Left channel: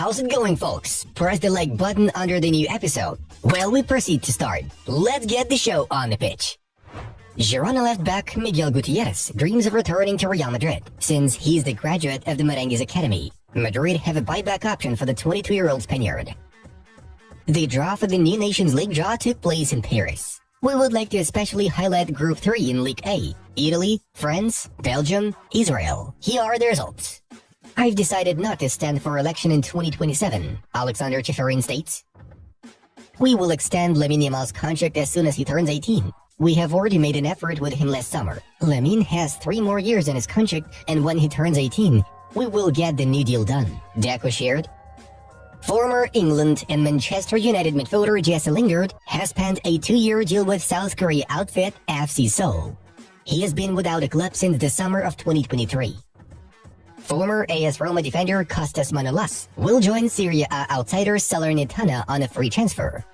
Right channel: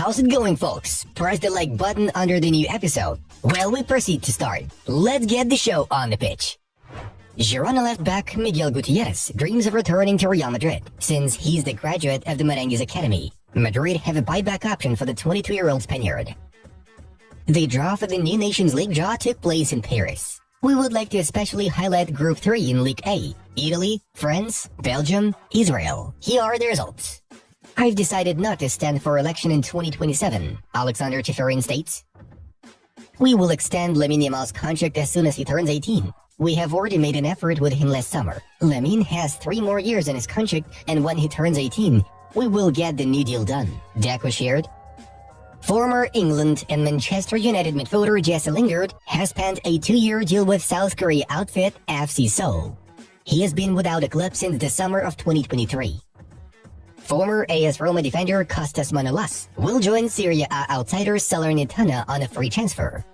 How's it going, folks? Press the like button under the new episode. Well, we proceed to start. Let's get the show on the pitch. Girona left back Miguel Gutierrez dreams of returning to Real Madrid, since he's the graduate of the Merengues Academy. Madrid have a buyback option for the 22-year-old Spaniard. The draw for the new Nations League draw took place in Paris. We would like to especially highlight Group 3 in League A: Italy, France, Belgium, Israel. Here are the results. I've decided not to stand for election in 2027, Alexander Cheferin states. We will extend Lamine Yamal's contract as soon as he turns 18. We have already made an effort with him last summer. Lamine has 3 more years in his contract, and when he turns 18, we will get the new deal done, Deco shared. Former England and Manchester United midfielder Jesse Lingard has penned a 2-year deal with South Korea outfit FC Seoul. He has been without a club since the summer of 2023. Former AS Roma defender Kostas Manolas will join Serie A outsider Salernitana on a free transfer.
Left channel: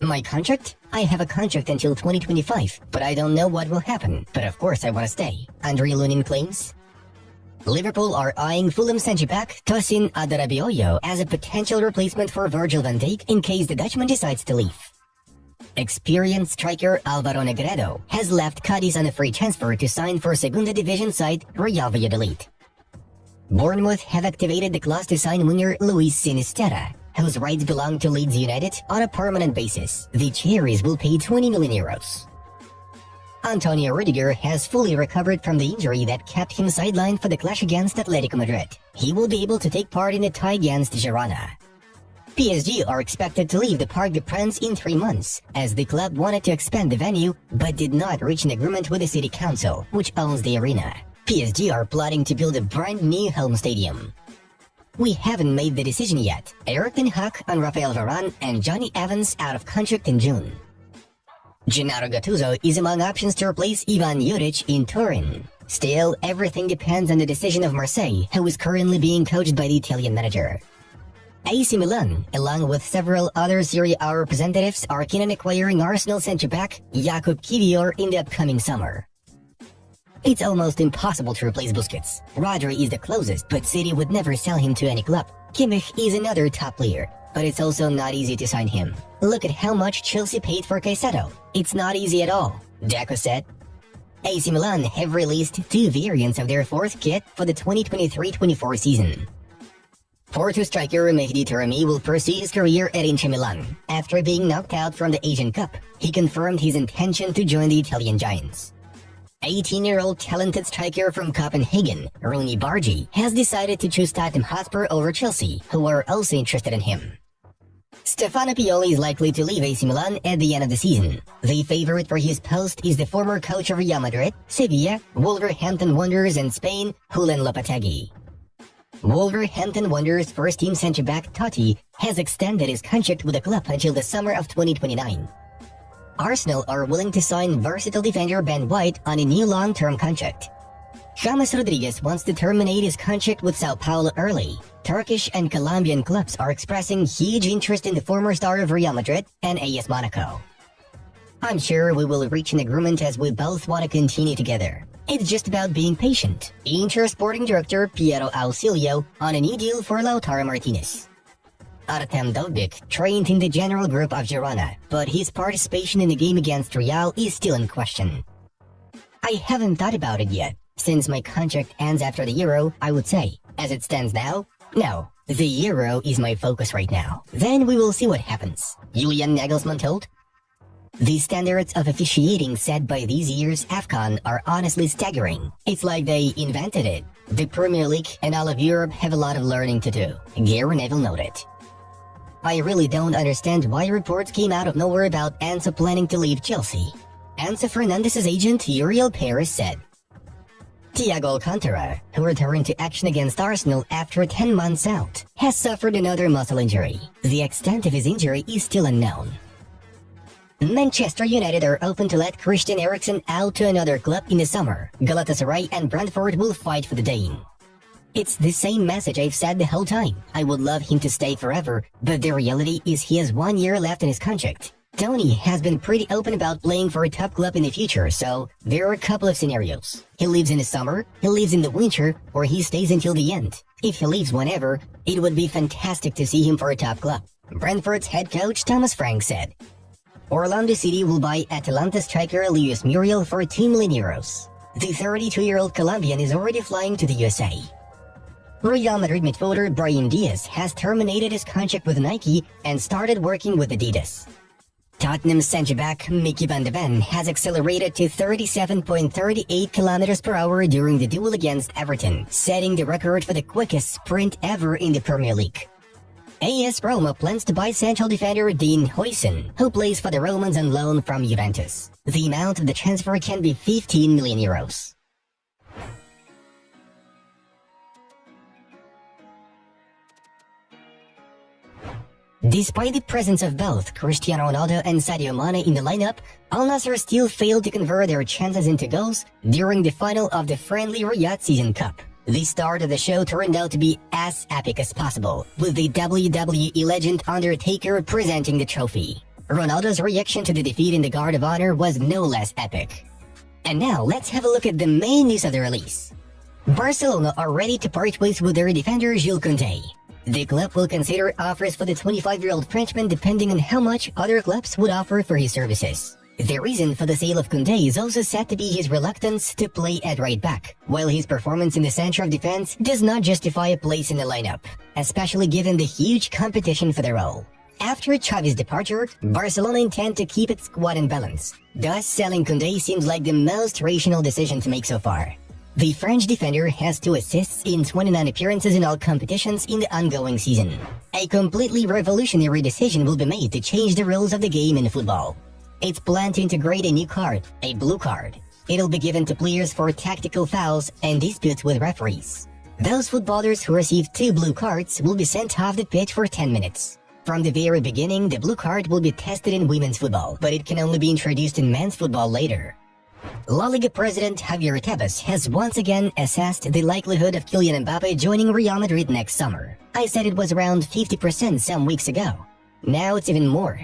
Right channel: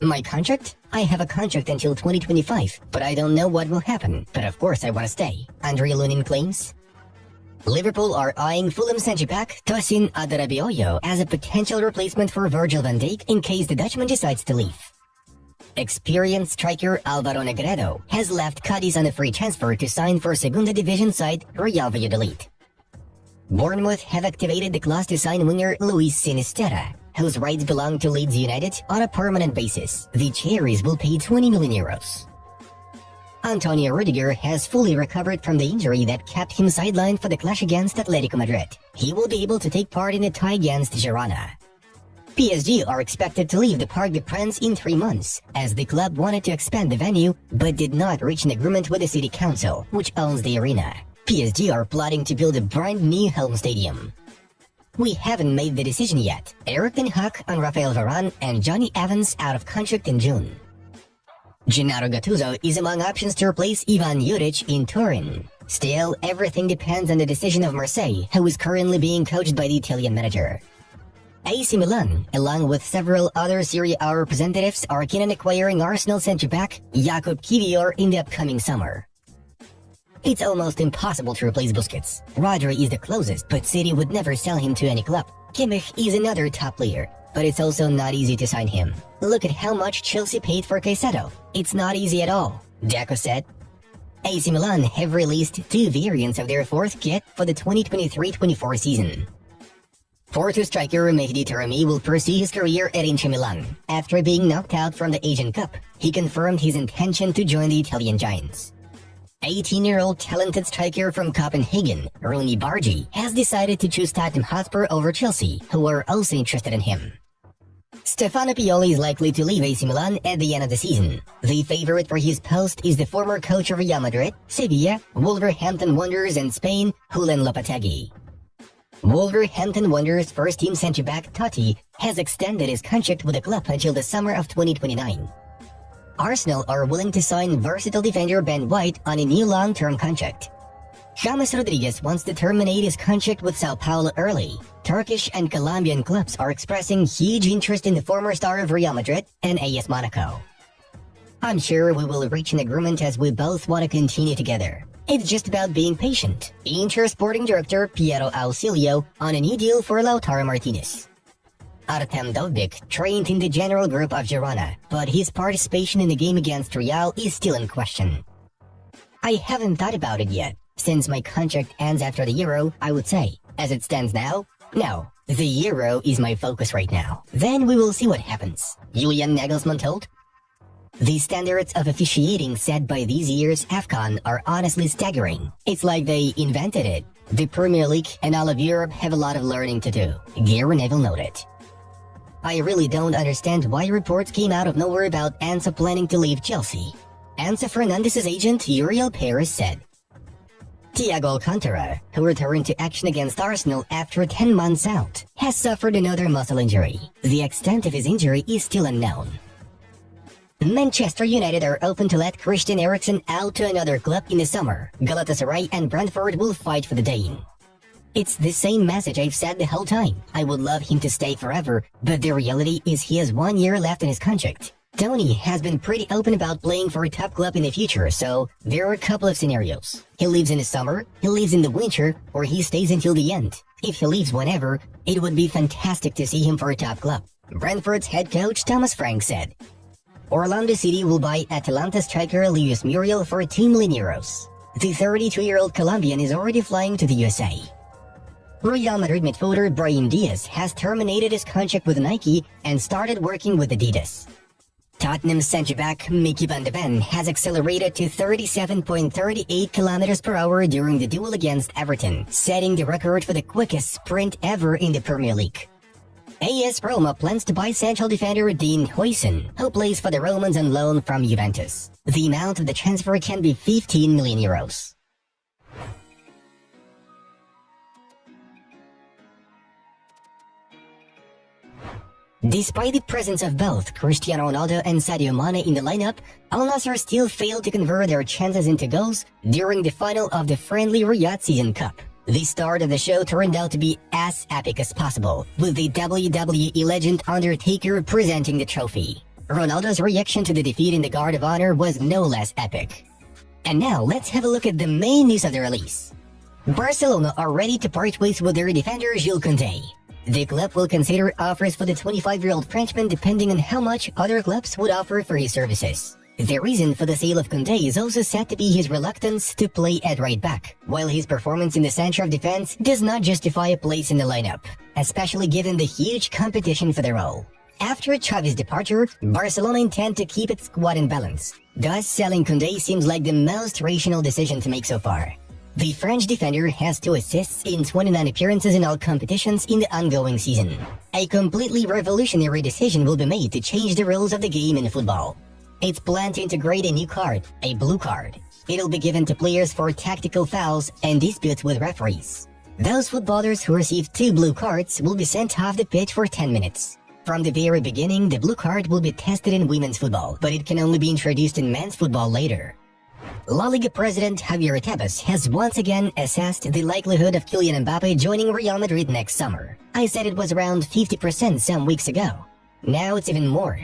My contract? I have a contract until 2025, but I don't know what will happen. But of course I want to stay, Andre Lunin claims. Liverpool are eyeing Fulham centre-back Tosin Adarabioyo as a potential replacement for Virgil van Dijk in case the Dutchman decides to leave. Experienced striker Alvaro Negredo has left Cadiz on a free transfer to sign for Segunda Division side Real Valladolid. Bournemouth have activated the clause to sign winger Luis Sinisterra, whose rights belong to Leeds United on a permanent basis. The Cherries will pay 20 million euros. Antonio Rudiger has fully recovered from the injury that kept him sidelined for the clash against Atletico Madrid. He will be able to take part in the tie against Girona. PSG are expected to leave the Parc des Princes in 3 months, as the club wanted to expand the venue but did not reach an agreement with the city council, which owns the arena. PSG are plotting to build a brand new home stadium. We haven't made the decision yet. Eric Ten Hag on Rafael Varane and Johnny Evans out of contract in June. Gennaro Gattuso is among options to replace Ivan Juric in Turin. Still, everything depends on the decision of Marseille, who is currently being coached by the Italian manager. AC Milan, along with several other Serie A representatives, are keen on acquiring Arsenal centre-back Jakub Kiwior in the upcoming summer. It's almost impossible to replace Busquets. Rodri is the closest, but City would never sell him to any club. Kimmich is another top player, but it's also not easy to sign him. Look at how much Chelsea paid for Caicedo. It's not easy at all, Deco said. AC Milan have released 2 variants of their 4th kit for the 2023-24 season. Porto striker Mehdi Taremi will pursue his career at Inter Milan. After being knocked out from the Asian Cup, he confirmed his intention to join the Italian Giants. 18-year-old talented striker from Copenhagen, Rooney Bargi, has decided to choose Tottenham Hotspur over Chelsea, who are also interested in him. Stefano Pioli is likely to leave AC Milan at the end of the season. The favorite for his post is the former coach of Real Madrid, Sevilla, Wolverhampton Wanderers and Spain, Julen Lopetegui. Wolverhampton Wanderers first-team centre-back Totti has extended his contract with the club until the summer of 2029. Arsenal are willing to sign versatile defender Ben White on a new long-term contract. James Rodriguez wants to terminate his contract with Sao Paulo early. Turkish and Colombian clubs are expressing huge interest in the former star of Real Madrid and AS Monaco. I'm sure we will reach an agreement as we both want to continue together. It's just about being patient. Inter sporting director Piero Ausilio on a new deal for Lautaro Martinez. Artem Dovbyk trained in the general group of Girona, but his participation in the game against Real is still in question. I haven't thought about it yet. Since my contract ends after the Euro, I would say, as it stands now, no. The Euro is my focus right now. Then we will see what happens, Julian Nagelsmann told. The standards of officiating set by this year's AFCON are honestly staggering. It's like they invented it. The Premier League and all of Europe have a lot of learning to do, Gary Neville noted. I really don't understand why reports came out of nowhere about Enzo planning to leave Chelsea. Enzo Fernandez's agent Uriel Perez said. Thiago Alcantara, who returned to action against Arsenal after 10 months out, has suffered another muscle injury. The extent of his injury is still unknown. Manchester United are open to let Christian Eriksen out to another club in the summer. Galatasaray and Brentford will fight for the Dane. It's the same message I've said the whole time. I would love him to stay forever, but the reality is he has 1 year left in his contract. Tony has been pretty open about playing for a top club in the future, so there are a couple of scenarios. He leaves in the summer, he leaves in the winter, or he stays until the end. If he leaves whenever, it would be fantastic to see him for a top club. Brentford's head coach Thomas Frank said. Orlando City will buy Atalanta striker Luis Muriel for €2 million. The 32-year-old Colombian is already flying to the USA. Real Madrid midfielder Brahim Diaz has terminated his contract with Nike and started working with Adidas. Tottenham centre-back Mickey van de Ven has accelerated to 37.38 kilometers per hour during the duel against Everton, setting the record for the quickest sprint ever in the Premier League. AS Roma plans to buy central defender Dean Huijsen, who plays for the Romans on loan from Juventus. The amount of the transfer can be €15 million. Despite the presence of both Cristiano Ronaldo and Sadio Mane in the lineup, Al Nassr still failed to convert their chances into goals during the final of the friendly Riyadh Season Cup. The start of the show turned out to be as epic as possible, with the WWE legend Undertaker presenting the trophy. Ronaldo's reaction to the defeat in the Guard of Honor was no less epic. And now, let's have a look at the main news of the release. Barcelona are ready to part ways with their defender Jules Koundé. The club will consider offers for the 25-year-old Frenchman depending on how much other clubs would offer for his services. The reason for the sale of Koundé is also said to be his reluctance to play at right back, while his performance in the center of defense does not justify a place in the lineup, especially given the huge competition for the role. After Xavi's departure, Barcelona intend to keep its squad in balance. Thus, selling Koundé seems like the most rational decision to make so far. The French defender has 2 assists in 29 appearances in all competitions in the ongoing season. A completely revolutionary decision will be made to change the rules of the game in football. It's planned to integrate a new card, a blue card. It'll be given to players for tactical fouls and disputes with referees. Those footballers who receive 2 blue cards will be sent off the pitch for 10 minutes. From the very beginning, the blue card will be tested in women's football, but it can only be introduced in men's football later. La Liga president Javier Tebas has once again assessed the likelihood of Kylian Mbappe joining Real Madrid next summer. I said it was around 50% some weeks ago. Now it's even more.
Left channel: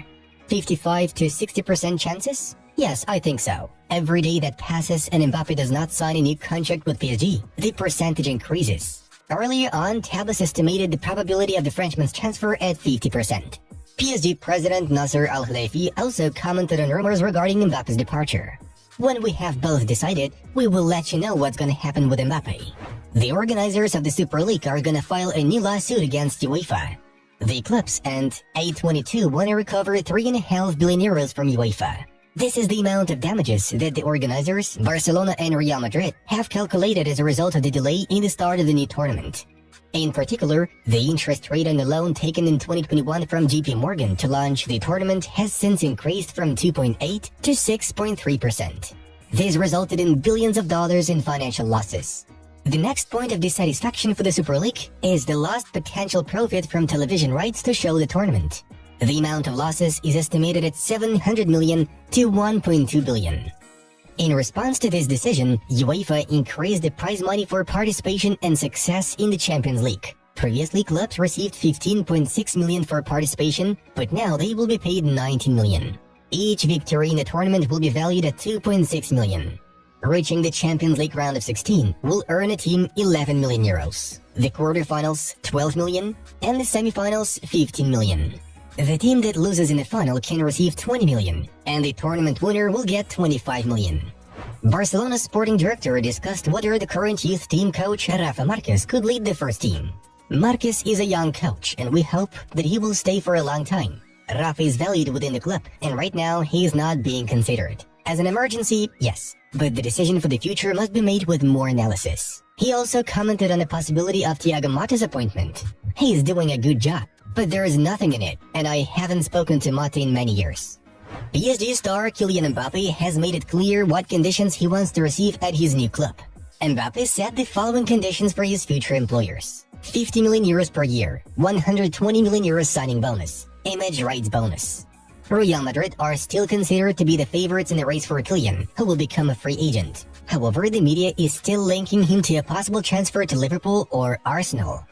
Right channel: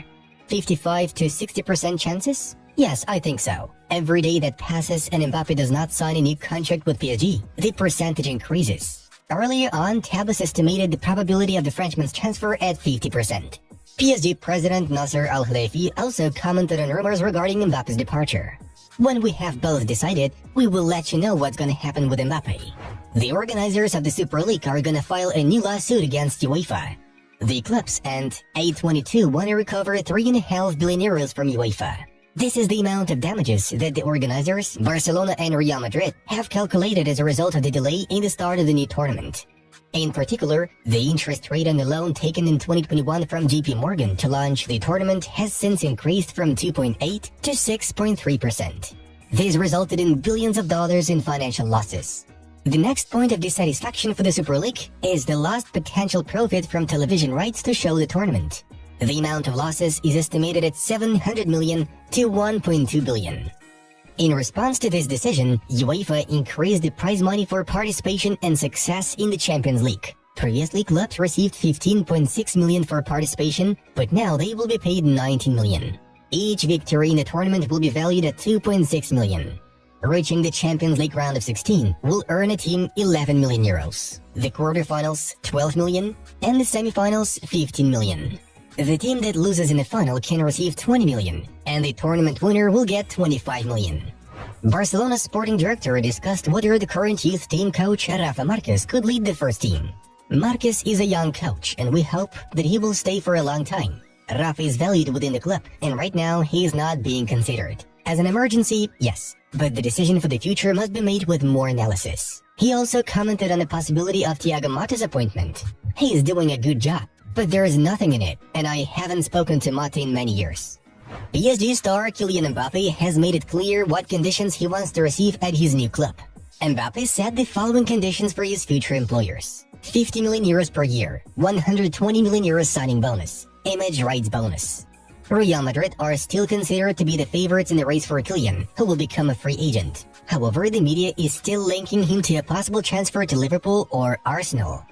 55 to 60% chances? Yes, I think so. Every day that passes and Mbappe does not sign a new contract with PSG, the percentage increases. Earlier on, Tebas estimated the probability of the Frenchman's transfer at 50%. PSG president Nasser Al-Khelaifi also commented on rumors regarding Mbappe's departure. When we have both decided, we will let you know what's gonna happen with Mbappe. The organizers of the Super League are gonna file a new lawsuit against UEFA. The clubs and A22 want to recover €3.5 billion from UEFA. This is the amount of damages that the organizers, Barcelona and Real Madrid, have calculated as a result of the delay in the start of the new tournament. In particular, the interest rate on the loan taken in 2021 from JP Morgan to launch the tournament has since increased from 2.8 to 6.3%. This resulted in billions of dollars in financial losses. The next point of dissatisfaction for the Super League is the lost potential profit from television rights to show the tournament. The amount of losses is estimated at 700 million to 1.2 billion. In response to this decision, UEFA increased the prize money for participation and success in the Champions League. Previously, clubs received 15.6 million for participation, but now they will be paid 19 million. Each victory in the tournament will be valued at 2.6 million. Reaching the Champions League round of 16 will earn a team 11 million euros. The quarterfinals, 12 million, and the semifinals, 15 million. The team that loses in the final can receive 20 million, and the tournament winner will get 25 million. Barcelona's sporting director discussed whether the current youth team coach Rafa Marquez could lead the first team. Marquez is a young coach, and we hope that he will stay for a long time. Rafa is valued within the club, and right now he is not being considered. As an emergency, yes, but the decision for the future must be made with more analysis. He also commented on the possibility of Thiago Motta's appointment. He is doing a good job, but there is nothing in it, and I haven't spoken to Motta in many years. PSG star Kylian Mbappe has made it clear what conditions he wants to receive at his new club. Mbappe set the following conditions for his future employers: 50 million euros per year, 120 million euros signing bonus, image rights bonus. Real Madrid are still considered to be the favorites in the race for Kylian, who will become a free agent. However, the media is still linking him to a possible transfer to Liverpool or Arsenal.